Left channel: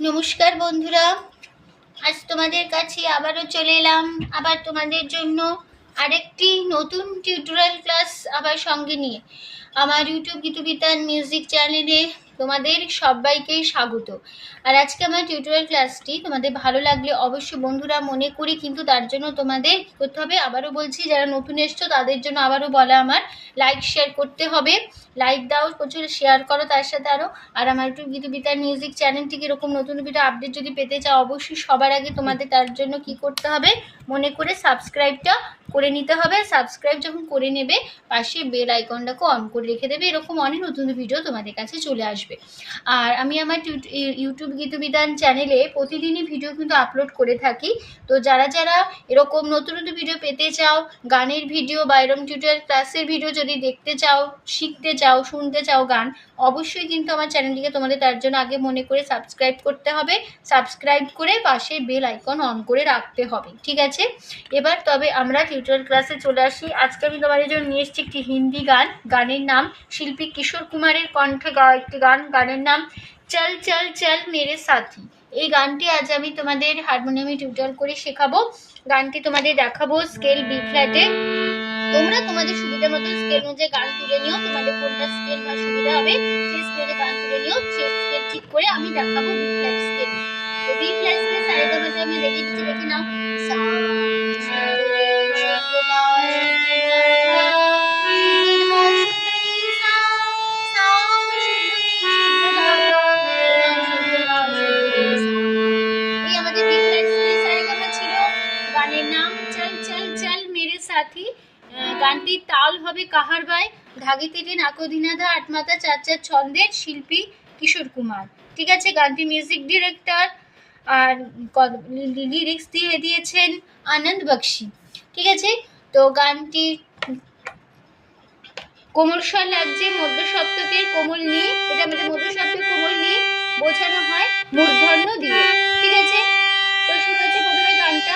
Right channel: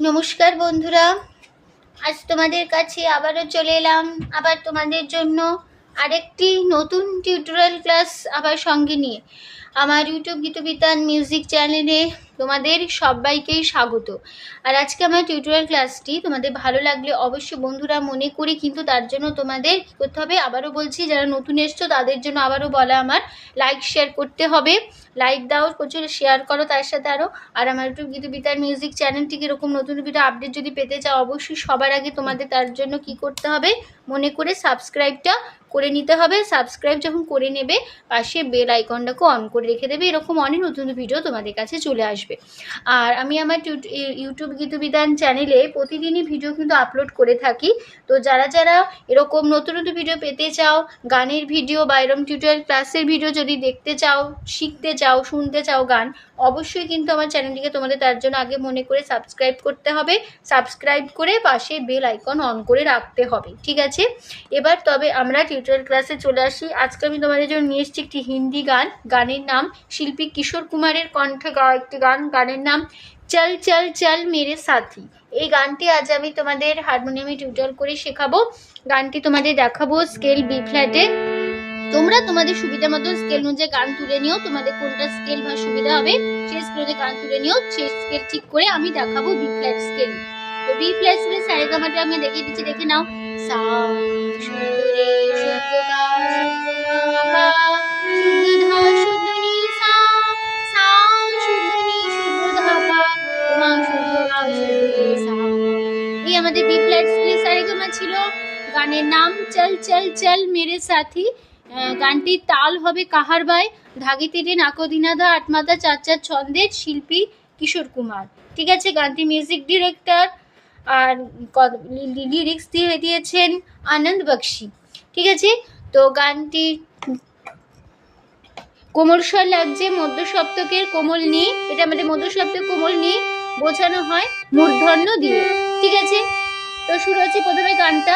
নমস্কার বন্ধুরা, আজ তোমাদের কাছে আবারও চলে এলাম আবার তোমাদের জন্য আরেকটি নতুন টিউটোরিয়াল ক্লাস আবার সঙ্গে নিয়ে। আমার ইউটিউব গীতবিতান মিউজিক চ্যানেলে তোমাদের সবাইকেই স্বাগত। আর আজকে আমার টিউটোরিয়াল ক্লাসটি তোমাদের ভালো লাগলে অবশ্যই বন্ধুরা মনে করি কিন্তু তার জন্য তোমাদের কী করতে হবে, আবারও বলছি যারা নতুন এসছো তাদের জন্য আবারও বলা, আমার লাইক শেয়ার করতে হবে। লাইক দাও, প্রচুর শেয়ার করো তার সাথে আরও। আর আমার ইউটিউব গীতবিতান মিউজিক চ্যানেলটিকে এরকম নতুন ভিডিও আপডেট যদি পেতে চাও অবশ্যই সবার আগে তোমাদের তার জন্য কি করতে হবে, মনে করে সাবস্ক্রাইবটা করে নিতে হবে। সাবস্ক্রাইব যখন করে নেবে পাশে বেল আইকনটাকে অন করে রেখে দেবে, এরকম অনেক নতুন ভিডিও তোমাদের কাছে চলে আসবে। আর আমি আমার ইউটিউব গীতবিতান চ্যানেলে প্রতিদিনই ভিডিও কিন্তু আপলোড করে থাকি। তো যারা যারা এরকম নতুন নতুন ভিডিও পেতে চাও, গানের ভিডিও বা এরকম টিউটোরিয়াল ক্লাসের ভিডিও যদি দেখতে চাও, শিখতে চাও, শুনতে চাও গান, অবশ্যই কিন্তু আমার চ্যানেলটিকে তোমাদের তার জন্য আগে মনে করে সাবস্ক্রাইব করতে হবে। সাবস্ক্রাইব করে পাশে বেল আইকন অন করে রাখতে হবে, ঠিক আছে? এবার তবে আমরা টিউটোরিয়াল ক্লাসে চলে আসি। আজকে আমি তোমাদের জন্য নিয়ে এসেছি একটি হিন্দি গান। গানের নাম শিল্পী কিশোর কুমারের কণ্ঠে গাওয়া একটি গান। গানের নাম চল চল চল মেরে সাথী। এই গানটি আজ আমি তোমাদের হারমোনিয়ামে টিউটোরিয়াল করে শেখাবো। গানটি তোমাদের দেখাবো স্কেল বি ফ্ল্যাটে। তোমরা তোমাদের সুবিধা মতো স্কেল অনুযায়ী গান তুলে নিও, তোমাদের কোনটা স্কেল বা সুবিধা হবে সেই স্কেলে গান তুলে নিও। সেই স্কেল ঠিক করে আমি দেখাবো বি ফ্ল্যাট স্কেল। তো বি ফ্ল্যাট স্কেলে সারেগামাটা আমি দেখিয়ে দিচ্ছি, দেখে নাও। সা এই আমাদের বি ফ্ল্যাট স্কেলে সারেগামা ছিল। গানের নাম চল চল চল মেরে সাথী। গানটির তাল হবে কাহারবাই, ধাগি তিরে নাকদিনাধা আটমাতা চার চার ছন্দের, শিল্পী কিশোর কুমার, ঠিক আছে? গানটির মিউজিক ডিরেক্টর আর লিরিক্স দিয়েছেন আনন্দ বক্সি, ঠিক আছে? তো গানটি কোমল স্বর লাগছে, মধ্য সপ্তকের কোমল নি, এটা আমাদের মধ্য সপ্তকের কোমল নি বোঝানো হয় মূর্ধন্য দিয়ে, ঠিক আছে? তো শুরু হচ্ছে প্রথমে গানটা।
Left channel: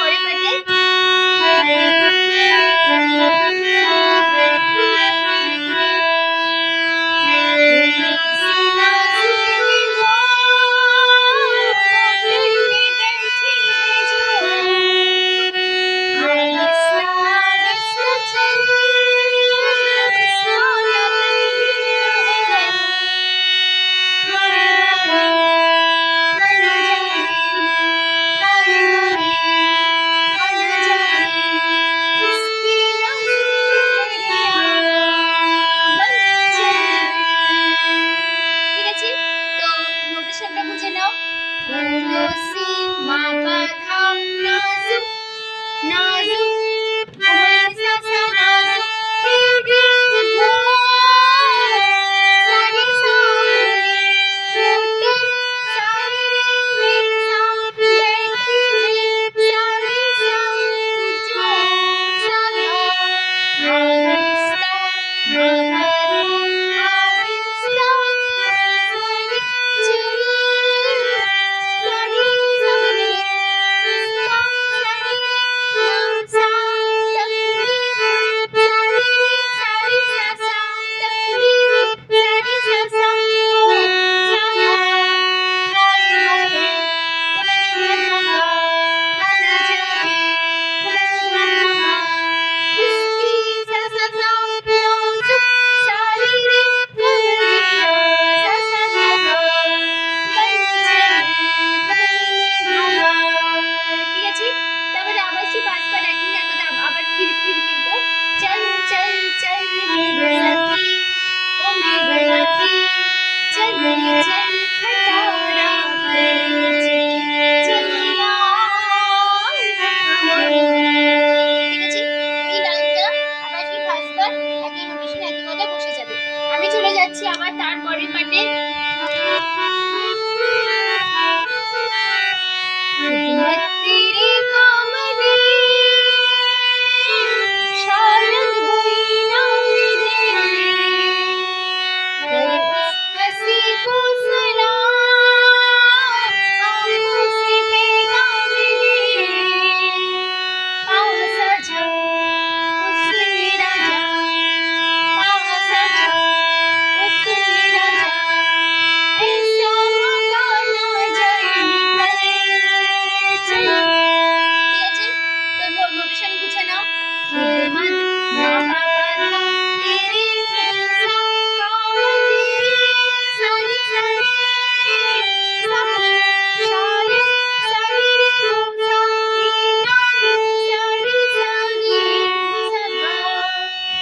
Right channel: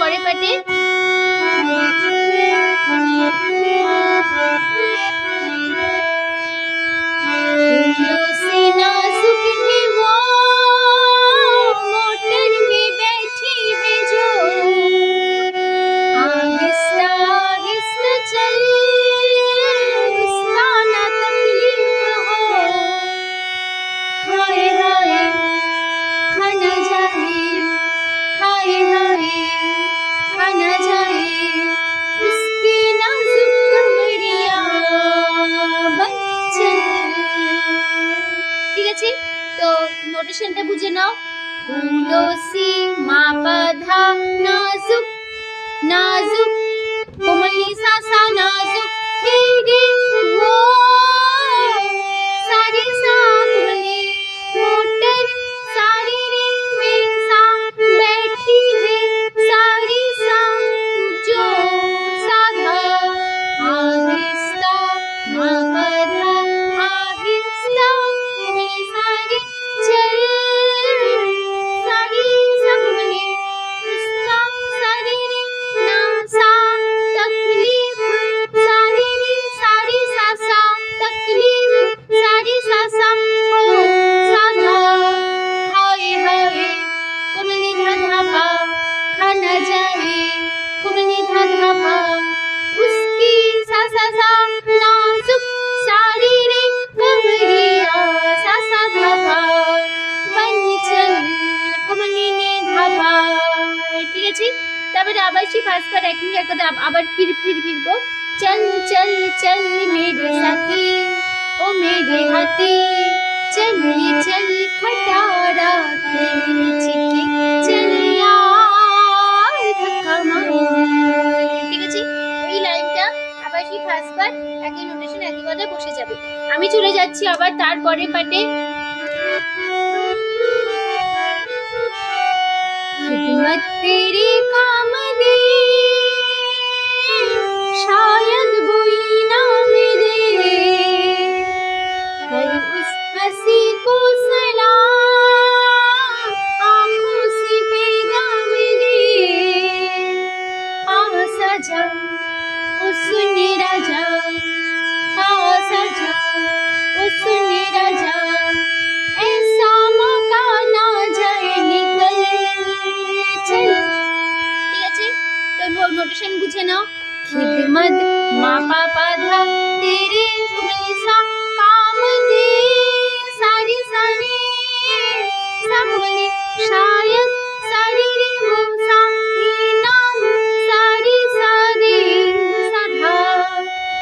পরে পাটে নোটেশনটা বুঝে নাও। ফুলো সি মা পা ধা নাজুক নাজুক কোমল সা সা নাজুক হে রে वो सारे सामने मोटर सारे रे में सा बैठी है सारे सा जो साधा आहिस्ता आहिस्ता सारे चल सारे सामने इसका सारे नाम सा तकलीफ सारे सारे सा सा तकलीफ सारे सा सा साधा हाय हाय कोमनी धमा खाना जाए कोमनी धमा उसकी सा सा सा नाजुक सारी रे कमरिया सा सा धमा बंचन कोमनी ने धमा। ঠিক আছে, তারপরে আবার সেই পাঁচ পার একই কথা আবার ফিরবো। चल चल चल मेरे साथी ओ मेरे हाथी चल चल खटारा खींची चल यार ঠিক আছে, এই লাইনটা আবার কি পাঁচবার একই নোটেশন একই কথায় বসে যাবে। আমি চলে যাচ্ছি আবার তারপরে পাটে। खिदमत तेरे काम दे शायद कोई ना मिले कर उस हंसी को सलाम आंखों से पैगाम दे आ सजा ओ सुन राजा आ सजा ओ सुन राजा ऐसा मौका ना जाए निकल चल। ঠিক আছে, তো নোটেশন বুঝে নাও। खिदमत माँ पापा धा तेरे सा काम दे सारी सारी सामने शायद सारी रे सा नाम सारी सारी सधा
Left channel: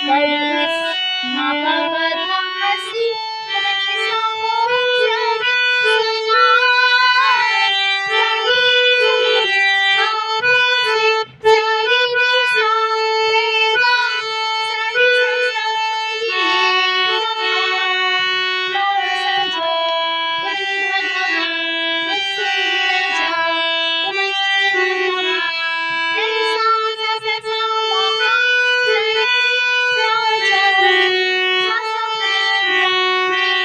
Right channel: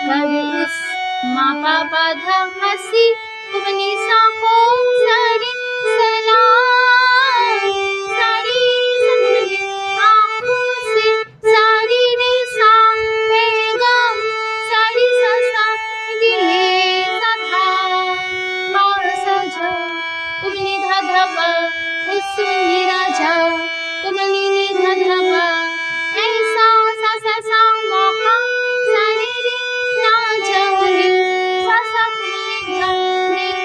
कर उस माँ पापा धा हंसी अपने सा को सारी सलाम सारी सारी आँखों से सारी रे सा पैगाम सारी सा सा ये सधा और सजा कोमनी धा धमा सुनी राजा कोमनी ने धा धमा ऐसा सा सा सा मौका सारे रे ना जाए सा सा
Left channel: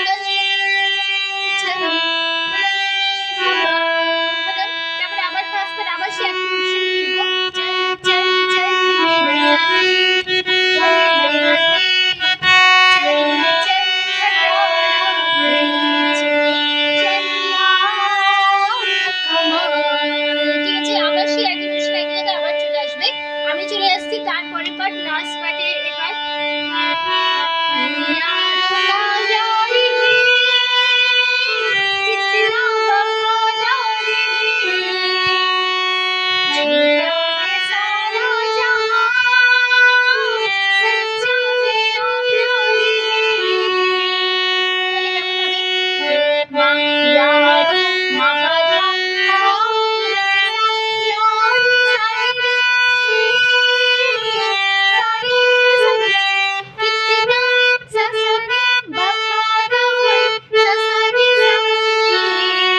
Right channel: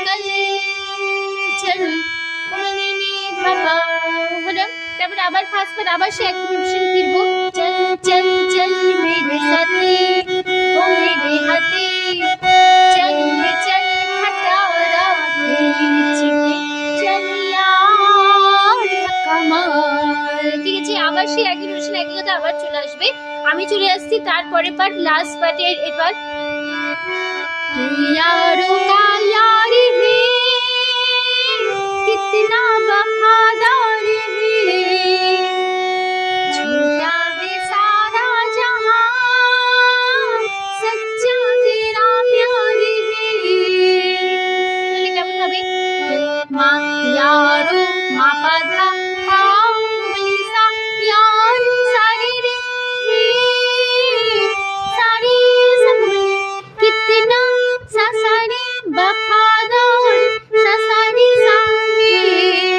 निकल चल कोमनी ने धमा। তারপরে আবার ফার্স্ট পার আবার সে একই নোটেশন ফিরবো। चल चल चल मेरे साथी ओ मेरे हाथी चल चल खटारा खींची चल यार कमाल। ঠিক আছে, আবার সে একই নোটেশন একই কথা আবার চলে আসবে। আমি চলে আসছি তারপরে পার্ট লাস্ট পার্টের এবার। यारों का यार है कितना वफादार है झूठा है सारा जहां सच्चा तेरा प्यार है। মানে কেমন হবে? माँ यारों माँ पाधा आओ मेरे साथ यार सारे रे सारे सारे कितना सा सारे वफादार सा सारे सारे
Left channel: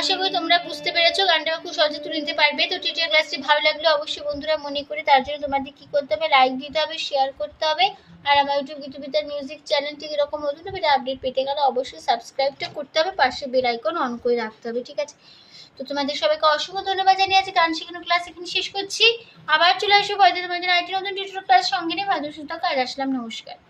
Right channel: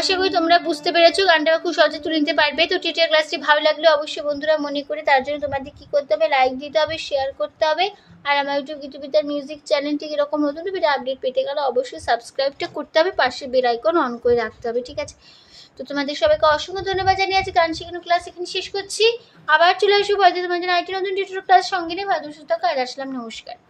আশা করি তোমরা বুঝতে পেরেছো, গানটা খুব সহজে তুলে নিতে পারবে। তো টিউটোরিয়াল ক্লাসটি ভালো লাগলে অবশ্যই বন্ধুরা মনে করে তার জন্য তোমাদের কি করতে হবে, লাইক দিতে হবে, শেয়ার করতে হবে। আর আমার ইউটিউব গীতবিতার মিউজিক চ্যানেলটি এরকম নতুন ভিডিও আপডেট পেতে গেলে অবশ্যই সাবস্ক্রাইবটা করতে হবে, পাশে বেল আইকন অন করে রাখতে হবে, ঠিক আছে? তো তোমাদের সবাইকে অসংখ্য ধন্যবাদ জানিয়ে আছি গান শেখানোর ক্লাস এখানে শেষ করছি। আবার চলে আসবো হয়তো তোমাদের আরেকটি নতুন টিউটোরিয়াল ক্লাস সঙ্গে নিয়ে। ভালো সুস্থ থাকো আর আসলাম, নমস্কার।